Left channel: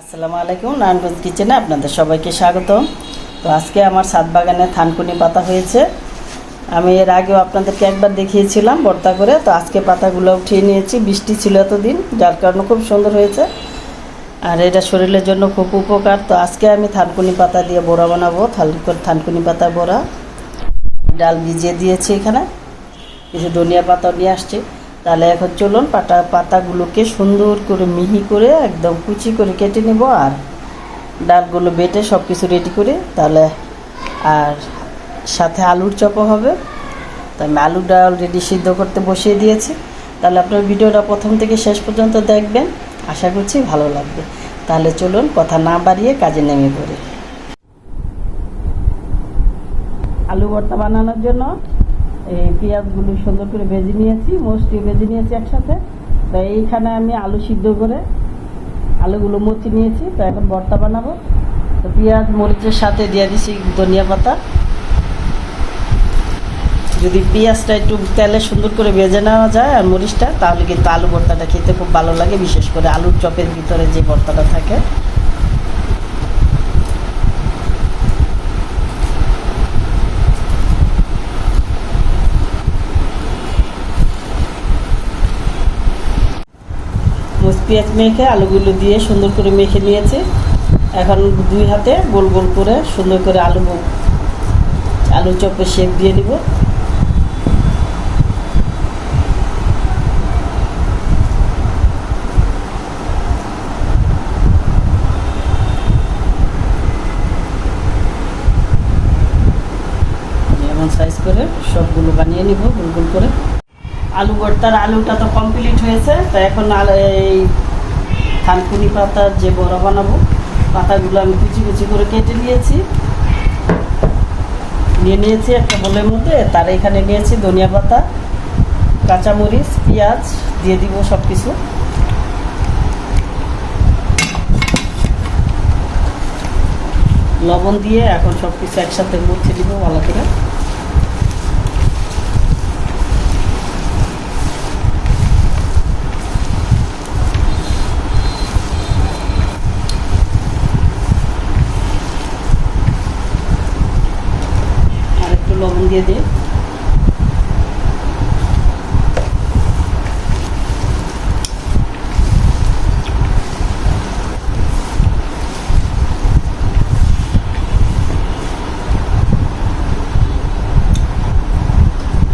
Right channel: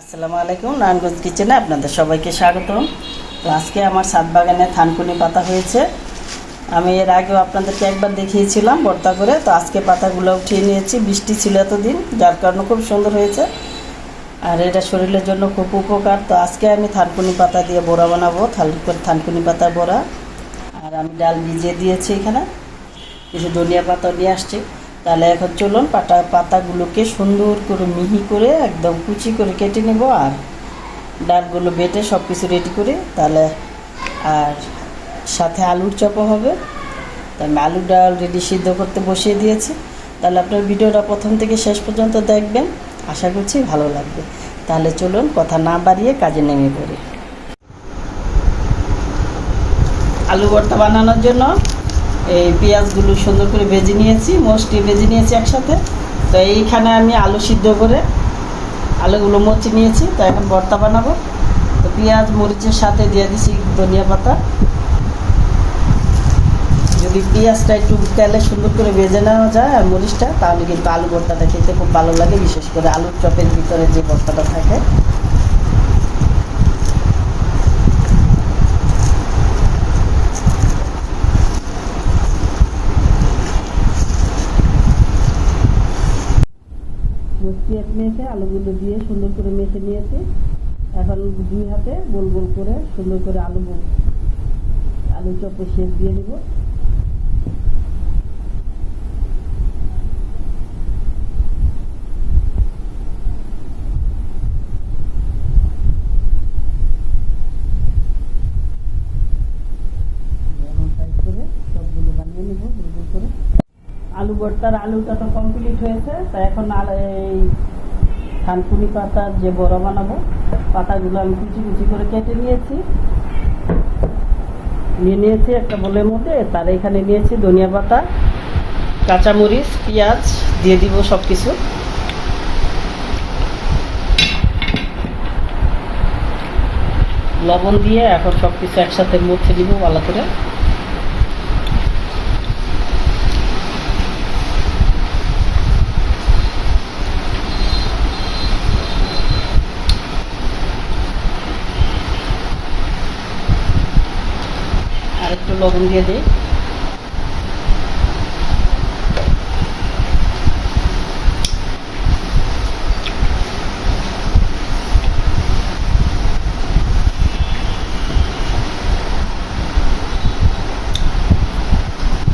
আসসালামু আলাইকুম, নারায়ণগঞ্জ কিচেনে আপনাদের সবাইকে স্বাগতম। তো আজকে আমার ছাদ বাগানে থানকুনি পাতা হয়েছে। আমি এর আগেও আপনাদেরকে একবার দেখিয়েছিলাম ভর্তা করে। তো আজকে পাতাগুলো উঠিয়ে নিয়েছি, বৃষ্টি ছিল এতদিন, যার কারণে খুব সুন্দর হয়েছে। আর এটা শরীরের জন্য খুব উপকার। তো আজকে আমি থানকুনি পাতা দিয়ে বড়া বানাবো, থানকুনি পাতা বড়া। আর আমি ডাল ভিজিয়ে দিয়েছি, এখানে কিছু ধনিয়া পাতাও নিয়ে আসছি। তাহলে এখন চলুন পাতাগুলোকে সুন্দর করে মিহি করে একদম কুচি করে কেটে নেব, আর ডালগুলো বেটে সব কিছু রেডি করি। তাহলে আর সাথে আলুর চপও হবে। তো আমি আলুটা অলরেডি সিদ্ধ করতে বসিয়ে দিয়েছি। তাহলে আপনার ভিডিওটা প্রথম থেকে শেষ পর্যন্ত দেখবেন, আশা করছি ভালো লাগবে। তাহলে চলুন কথা না বাড়িয়ে কাজে নেমে পড়ি। আলু ভর্তা বানানোর জন্য এই পেঁয়াজগুলো সুন্দর করে ভেজে নিয়েছি, মোস্টলি ভেজে নিয়েছি একসাথে। তো এইখানে আমি আলু সিদ্ধ করে আলুগুলো মচি নিয়েছি। তো এখন ভর্তা বানাবো। তো পেঁয়াজ মরিচের সাথে দিয়ে দিচ্ছি ধনিয়া পাতা। যদি পেঁয়াজটা একটু তেলে সুন্দর করে ভেজে নেওয়া যায় আর মরিচটা, তাহলে কিন্তু আলু ভর্তাটা খেতে খুব ভালো লাগে, বিশেষ করে আলুর চপের ভিতরে যে ভর্তাটা থাকে। পেঁয়াজ মেখে আলুগুলো দিয়ে সুন্দর করে মেখে নিয়েছি। এখন দুই হাতে গোল গোল করে সুন্দর করে আলু চপের শেপ দিয়ে দিব। এমন সাইজ করে সবগুলো বানিয়ে নিব গোল গোল করে। আলু ভর্তার আলুটা তো কমপ্লিট হয়েছে। তো এখন এই থানকুনি পাতার যে বড়া বানাবো, পাতাগুলো আমি কুচি কুচি করে কেটে নিয়েছি একটা বোলের মধ্যে। তার এখানে নিয়েছি ধনিয়া পাতা, কাঁচামরিচ, পেঁয়াজ দিয়ে দিব সব কিছু। লবণ দিয়ে এখন সব কিছু একসাথে মুছে দিব ভালো করে। লবণ দিয়ে দিই।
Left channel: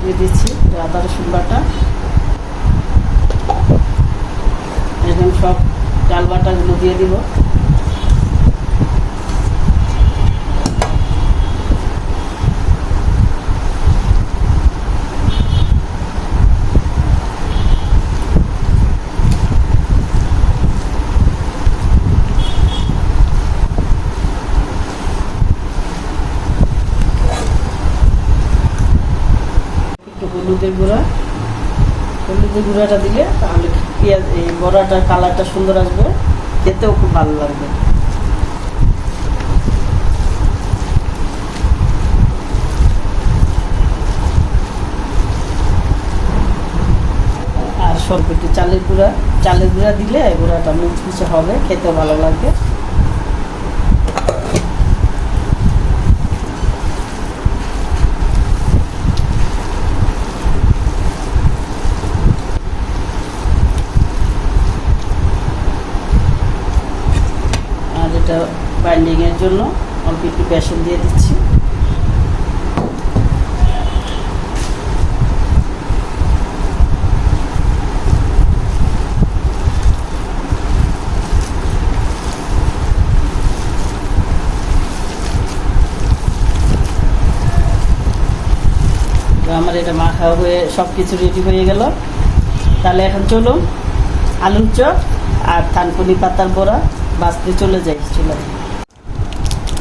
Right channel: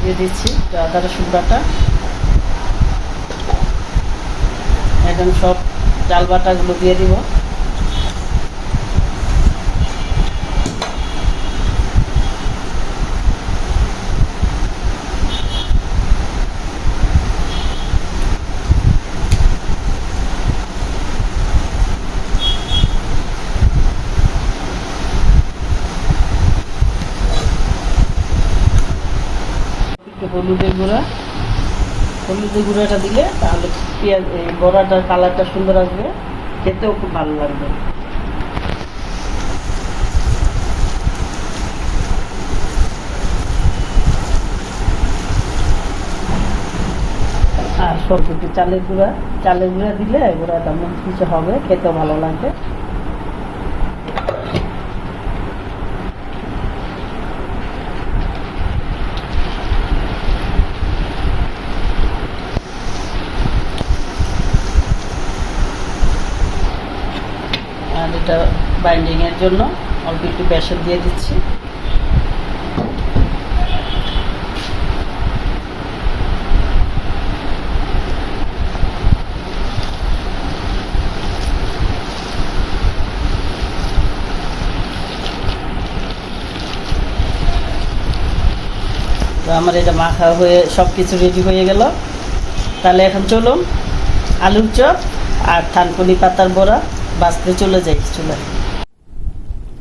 দিয়ে দিচ্ছি আদা রসুন বাটা। এখন সব ডাল বাটাগুলো দিয়ে দিব। হলুদের গুঁড়াটা দিলে তাহলে পেঁয়াজ এই বড়াটার কালারটা সুন্দর আসবে, খেতেও খুব ভালো লাগবে। আর সব একটু চালের গুঁড়া দিলে এই গুঁড়াটা মুচমুচে হবে, খেতেও ভালো লাগবে। আর এটা বাইন্ডিংয়ের জন্য অল্প একটু বেসন দিয়ে দিচ্ছি। আমার এটা মাখা হয়ে সব কিছু রেডি হয়ে গেল। তাহলে এখন চলুন আলুর চপ আর থানকুনি পাতার বড়া বাছতে চলে যাই চুলায়।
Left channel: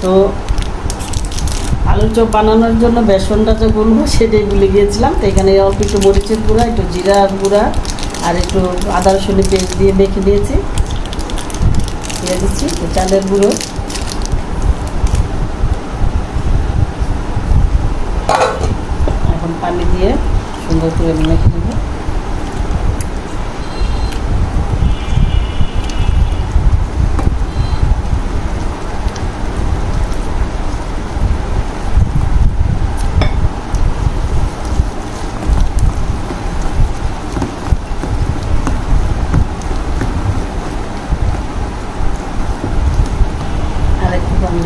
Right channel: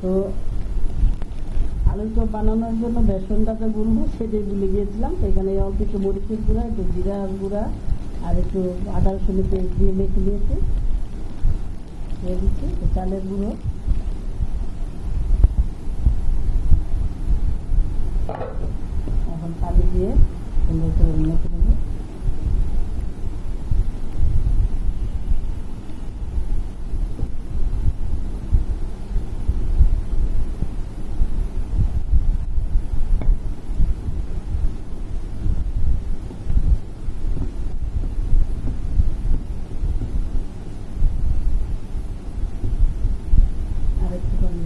তো আলুর চপ বানানোর জন্য বেসনটা যে গুলবো সেটাই ভুলে গিয়েছিলাম। তো এখানে অল্প একটু মরিচের গুঁড়া, একটু জিরার গুঁড়া আর একটু আদা রসুনের পেস্ট দিয়ে মেখে দিয়েছি। দিয়ে দিচ্ছি চালের গুঁড়ো। এখন পানি দিয়ে সুন্দর করে মেখে নেব।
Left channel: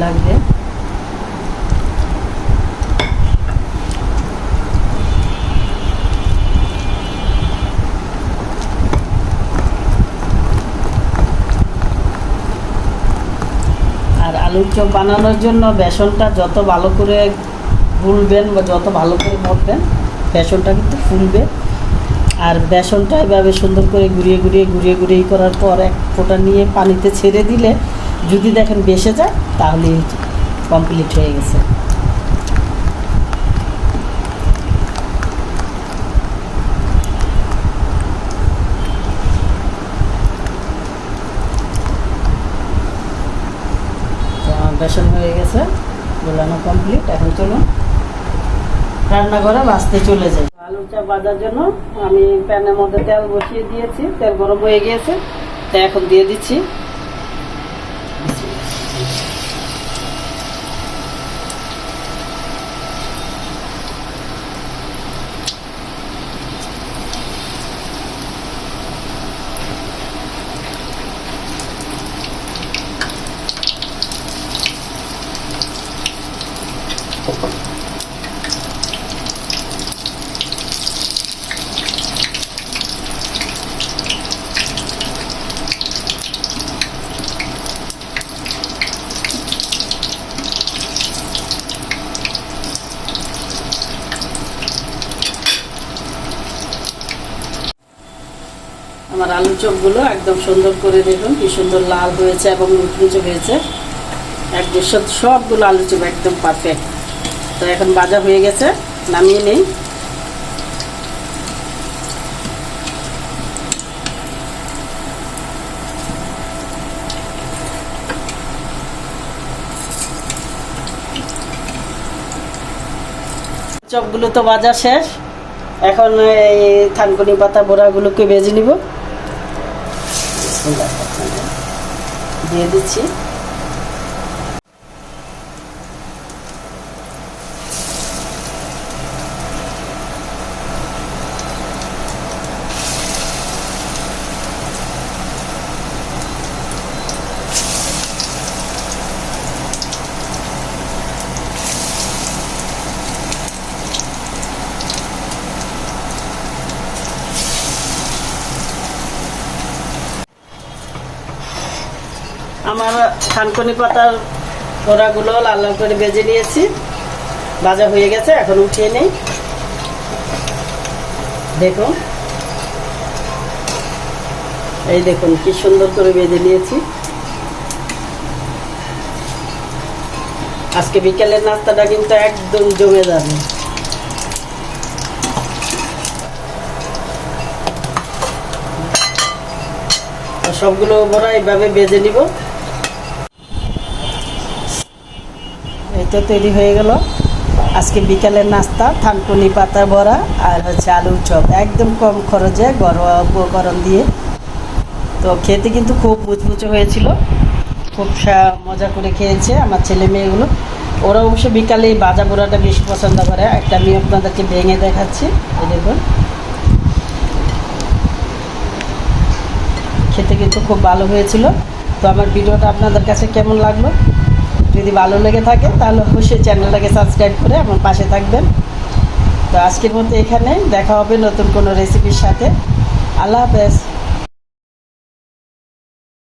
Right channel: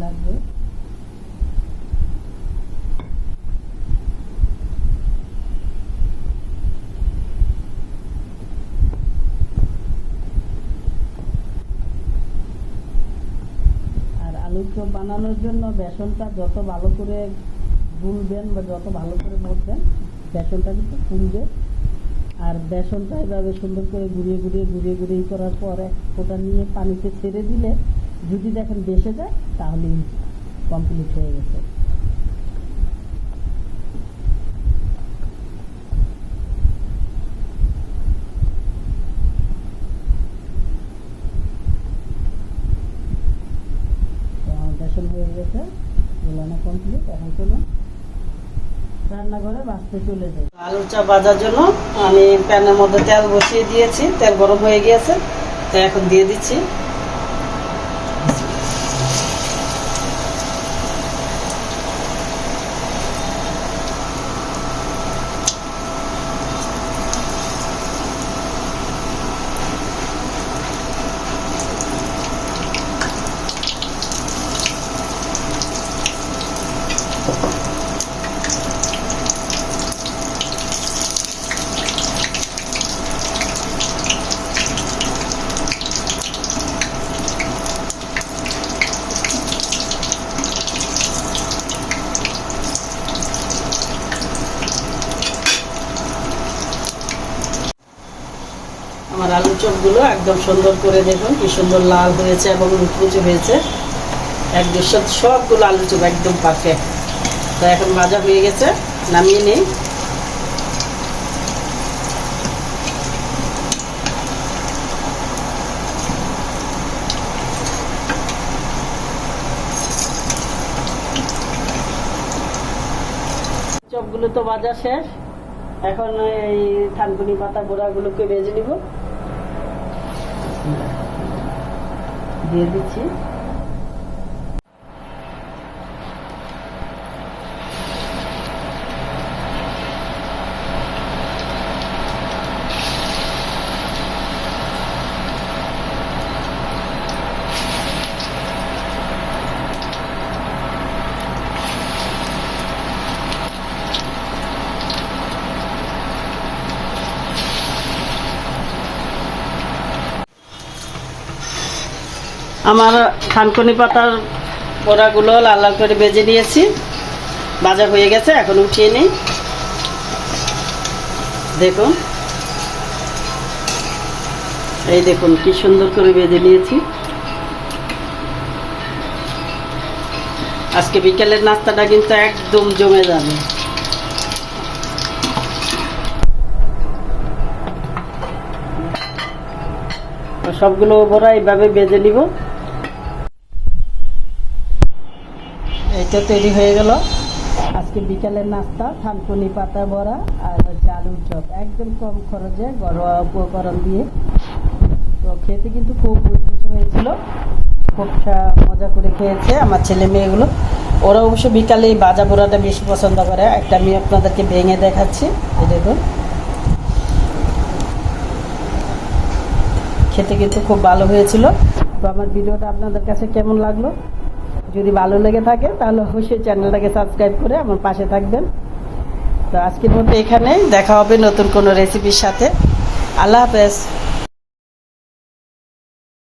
লাগবে। আর আলুর চপ বানানোর জন্য বেসনটা যত ভালো করে গুলবেন বা যত ভালো করে মথবেন বেসনটা কিন্তু ফুলবে। আর বেসনটা এভাবে সুন্দর করে ঘুরিয়ে ঘুরিয়ে ঘুরিয়ে ঘুরিয়ে করার পর এক ফোঁটা নিয়ে পানিতে ছেড়ে দিলে যদি দেখেন বেসে যায় তাহলে কমপ্লিট হয়ে গেছে। বেসন হয়ে গেছে, গোলানো কমপ্লিট। এখন চলুন রান্নাঘরে ভাজতে চলে যাই। আলুর চপ ভাজার জন্য আমি প্যানের মধ্যে তেল বসিয়ে দিয়েছি, তেল গরম হয়ে গিয়েছে, তো এখন দিয়ে দিচ্ছি আমার আলু চপগুলো একদম সুন্দর করে দেখুন কি সুন্দর লাল হয়েছে এবং মুচমুচে হয়েছে। একদম সবগুলো আলু চপ একদম পারফেক্ট। তো এখন ভাজা হয়ে গেছে, নামিয়ে নেই। চপগুলো তো ভাজা শেষ, এখন এই থানকুনি পাতা বড়াগুলোকে ভেজে নিব। দিয়ে দিচ্ছি আমার থানকুনি পাতার বড়াগুলো লাল লাল করে ভেজে নিয়েছি, ভাজা হয়ে গেছে। এখন উঠিয়ে নিই। দেখুন এই দেখুন কি সুন্দর করে ভেজে নিয়েছি। আজকে বিকেলের নাস্তাটা কিন্তু একদম জমে যাবে। সবগুলো বড়া এইভাবে ভেজে নিব। এই তো তৈরি হয়ে গেল আজকে বিকালের নাস্তা, থানকুনি পাতা বড়া আর হচ্ছে আলুর চপ, একদম কম খরচে ঘরোয়া উপকরণ দিয়ে। তো খেতে কিন্তু খুব মুচমুচে হয়েছিল, খুব মজা করে খেয়েছে আমার ছেলে মেয়েগুলো। ওরা অবশ্য বিকালে এই ভাজা বড়াটা বেশি পছন্দ করে। একটা আমি আপনাদেরকে ভেঙে দেখাচ্ছি, এই দেখুন। খেতে কিন্তু খুব ভালো হয়েছিল। তো আমার ভিডিওটা আপনাদের কাছে কেমন লাগলো? যদি ভালো লেগে থাকে তাহলে অবশ্যই চ্যানেলটাকে সাবস্ক্রাইব করে আমার পাশে থাকবেন। তো আজকের মতো এখানে দেখা হবে নতুন কোনো রেসিপির সাথে। আল্লাহ হাফেজ।